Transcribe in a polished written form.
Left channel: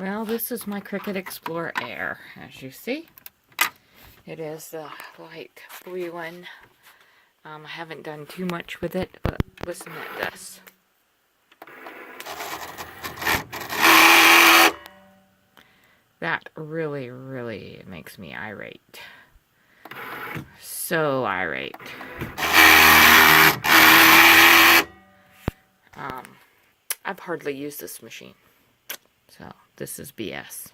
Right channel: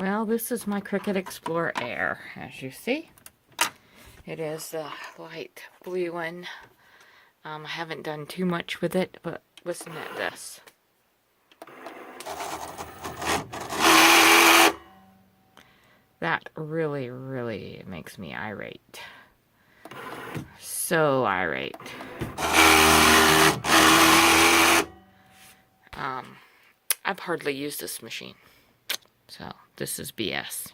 Well, this is my Cricut Explorer Air, as you see. It is a light blue one. I haven't done too much with it, but listen at this. That really, really makes me irate. So irate. I've hardly used this machine. So, this is BS.